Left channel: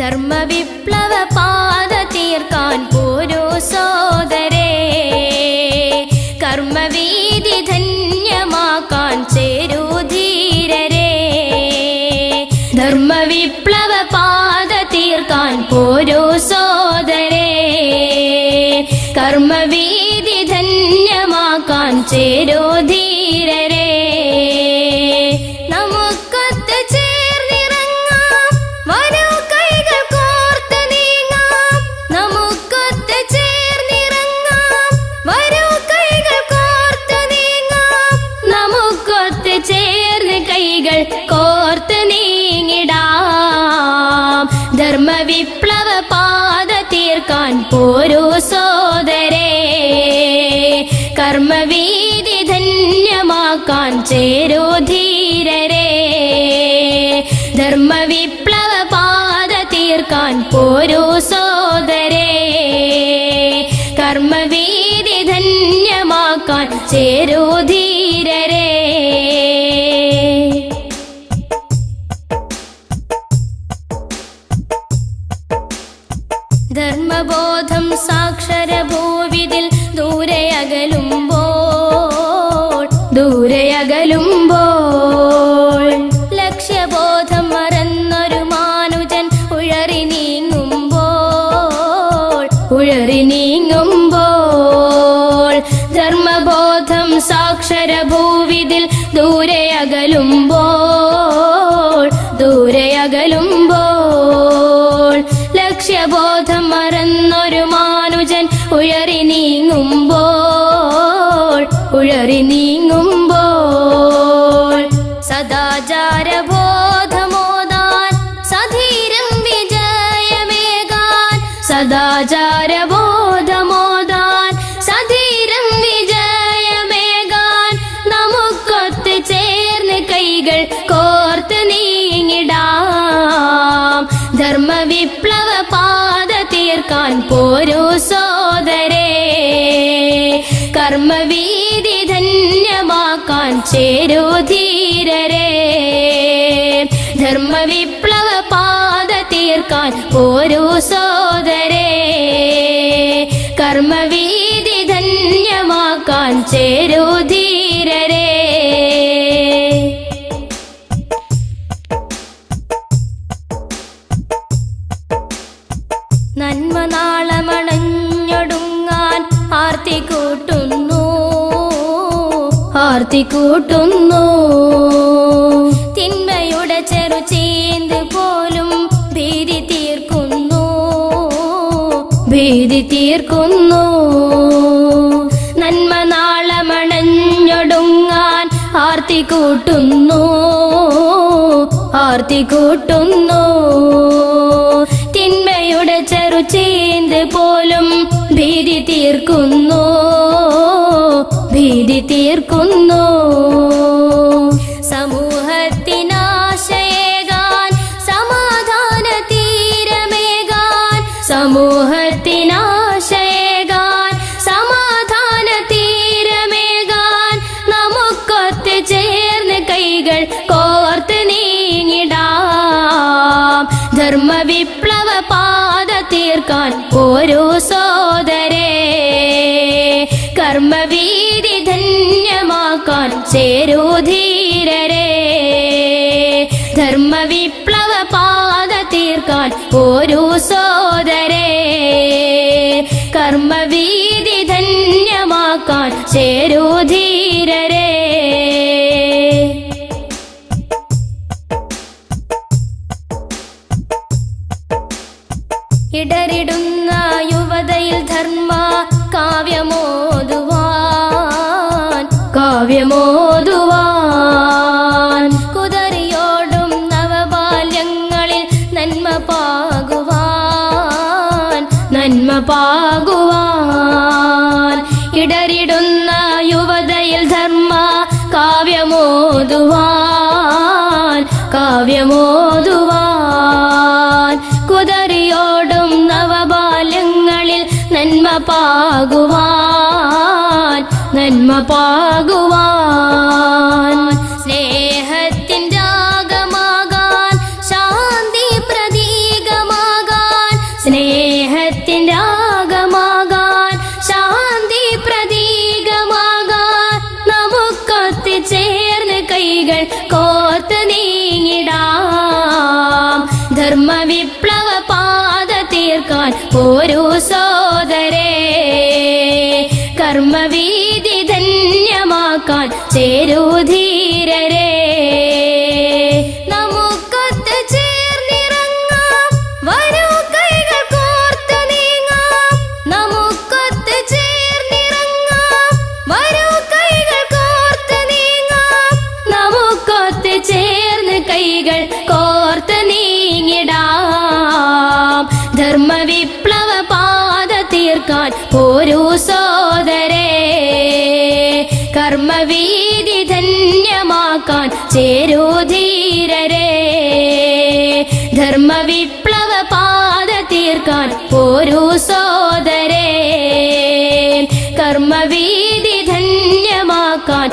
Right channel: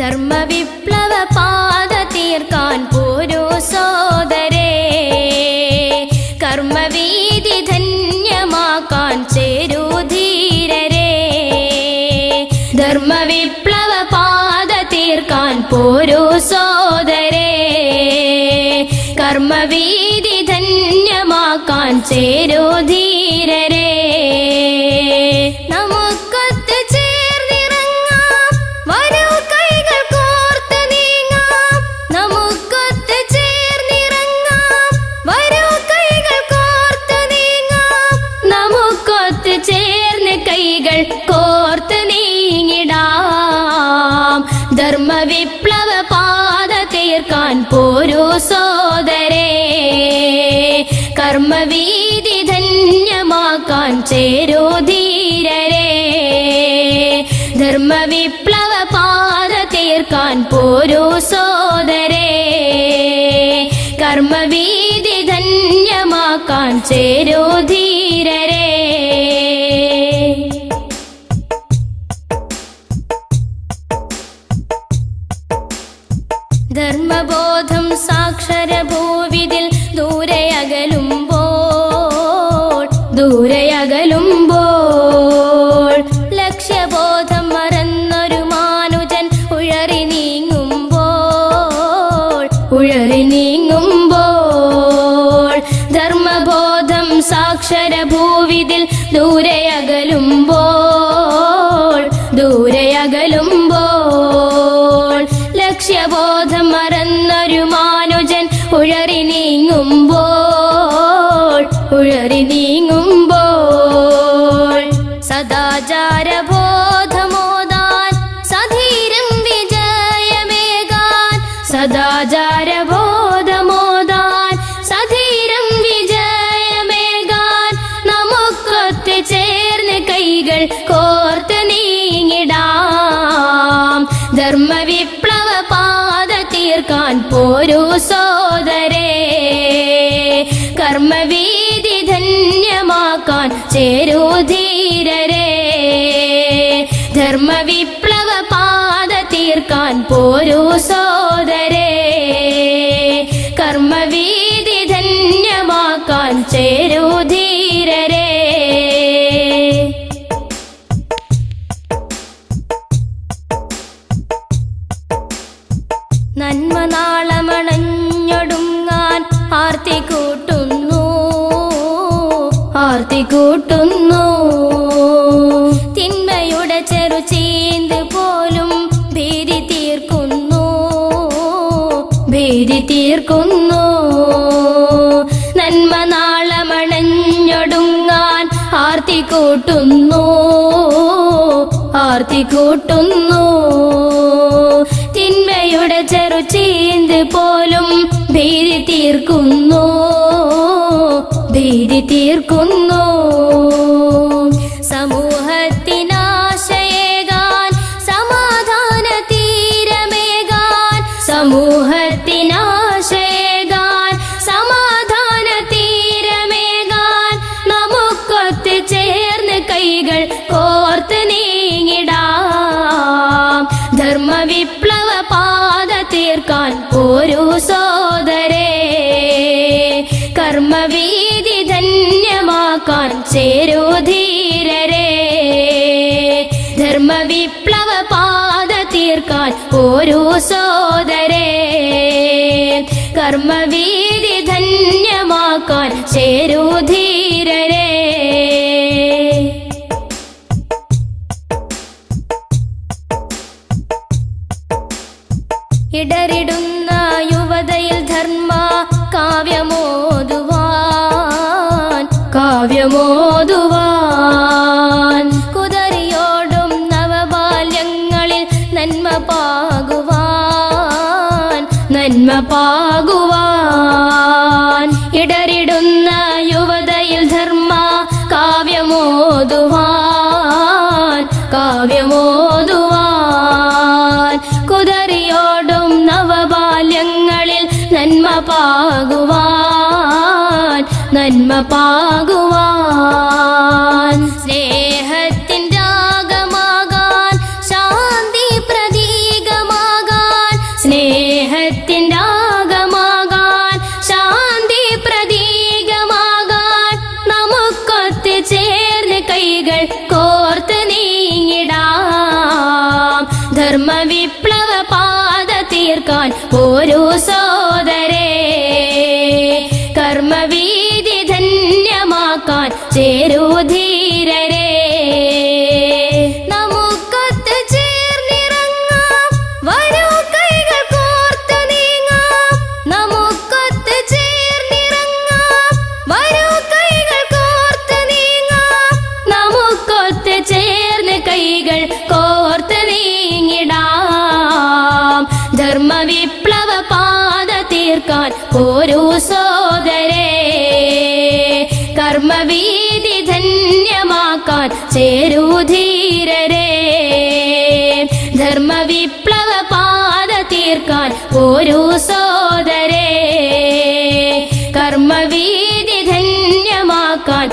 ധർമ്മവിപ്ലവ പാത തീർക്കാൻ പോരൂ സോദരേ, കർമ്മവീതി ധന്യമാക്കാൻ ചേരൂ ധീരരേ. ധർമ്മവിപ്ലവ പാത തീർക്കാൻ പോരൂ സോദരേ, കർമ്മവീതി ധന്യമാക്കാൻ ചേരൂ ധീരരേ. നമുക്കൊത്ത് ചേർന്നിറങ്ങാം, വരൂ കൈകൾ കോർത്ത് നീങ്ങാം. നമുക്കൊത്ത് ചേർന്നിറങ്ങാം, വരൂ കൈകൾ കോർത്ത് നീങ്ങാം. നമുക്കൊത്ത് ചേർന്ന് കൈകൾ കോർത്ത് നീങ്ങിടാം. ധർമ്മവിപ്ലവ പാത തീർക്കാൻ പോരൂ സോദരേ, കർമ്മവീതി ധന്യമാക്കാൻ ചേരൂ ധീരരേ. ധർമ്മവിപ്ലവ പാത തീർക്കാൻ പോരൂ സോദരേ, കർമ്മവീതി ധന്യമാക്കാൻ ചേരൂ ധീരരേ. ധർമ്മബോധം സാക്ഷരഭൂവിതിൽ ദൂരെയകലുമ്പോൾ ലക്ഷ്യബോധം മറന്നൊരു മാനുജൻ ഉഴറി നീങ്ങുമ്പോൾ ധർമ്മബോധം സാക്ഷരഭൂവിതിൽ ദൂരെയകലുമ്പോൾ ലക്ഷ്യബോധം മറന്നൊരു മാനുജൻ ഉഴറി നീങ്ങുമ്പോൾ സദാചാരബോധമോദാൻ സധീരം വിജയമേകാൻ. സദാചാരബോധമോദാൻ സധീരം വിജയമേകാൻ. നമുക്കൊത്ത് ചേർന്ന് കൈകൾ കോർത്ത് നീങ്ങിടാം. ധർമ്മവിപ്ലവ പാത തീർക്കാൻ പോരൂ സോദരേ, കർമ്മവീതി ധന്യമാക്കാൻ ചേരൂ ധീരരേ. ധർമ്മവിപ്ലവ പാത തീർക്കാൻ പോരൂ സോദരേ, കർമ്മവീതി ധന്യമാക്കാൻ ചേരൂ ധീരരേ. നന്മ നാളമണഞ്ഞൊടുങ്ങാൻ ആർത്തി കൂട്ടുന്നു. തിന്മയുടെ ചെറുചീന്ത് പോലും ഭീതി തീർക്കുന്നു. നന്മ നാളമണഞ്ഞൊടുങ്ങാൻ ആർത്തി കൂട്ടുന്നു. തിന്മയുടെ ചെറുചീന്ത് പോലും ഭീതി തീർക്കുന്നു. സമൂഹത്തിനാശയേകാൻ സമാധാന തീരമേകാൻ. സമൂഹത്തിനാശയേകാൻ സമാധാന തീരമേകാൻ. നമുക്കൊത്ത് ചേർന്ന് കൈകൾ കോർത്ത് നീങ്ങിടാം. ധർമ്മവിപ്ലവ പാത തീർക്കാൻ പോരൂ സോദരേ, കർമ്മവീതി ധന്യമാക്കാൻ ചേരൂ ധീരരേ. ധർമ്മവിപ്ലവ പാത തീർക്കാൻ പോരൂ സോദരേ, കർമ്മവീതി ധന്യമാക്കാൻ ചേരൂ ധീരരേ. ഇടറിടുന്ന യുവതയിൽ ധർമ്മ കാവ്യമോതുവാൻ കുതറിയോടും നവബാല്യങ്ങളിൽ നന്മ പാകുവാൻ. ഇടറിടുന്ന യുവതയിൽ ധർമ്മ കാവ്യമോതുവാൻ കുതറിയോടും നവബാല്യങ്ങളിൽ നന്മ പാകുവാൻ. സ്നേഹത്തിൻ രാഗമാകാൻ ശാന്തി പ്രതീകമാകാൻ. പോരൂ സോദരേ, കർമ്മവീതി ധന്യമാക്കാൻ ചേരൂ ധീരരേ. നമുക്കൊത്ത് ചേർന്നിറങ്ങാം, വരൂ കൈകൾ കോർത്ത് നീങ്ങാം. നമുക്കൊത്ത് ചേർന്നിറങ്ങാം, വരൂ കൈകൾ കോർത്ത് നീങ്ങാം. നമുക്കൊത്ത് ചേർന്ന് കൈകൾ കോർത്ത് നീങ്ങിടാം. ധർമ്മവിപ്ലവ പാത തീർക്കാൻ പോരൂ സോദരേ, കർമ്മവീതി ധന്യമാക്കാൻ ചേരൂ ധീരരേ. ധർമ്മവിപ്ലവ പാത തീർക്കാൻ പോരൂ സോദരേ, കർമ്മവീതി ധന്യമാക്കാൻ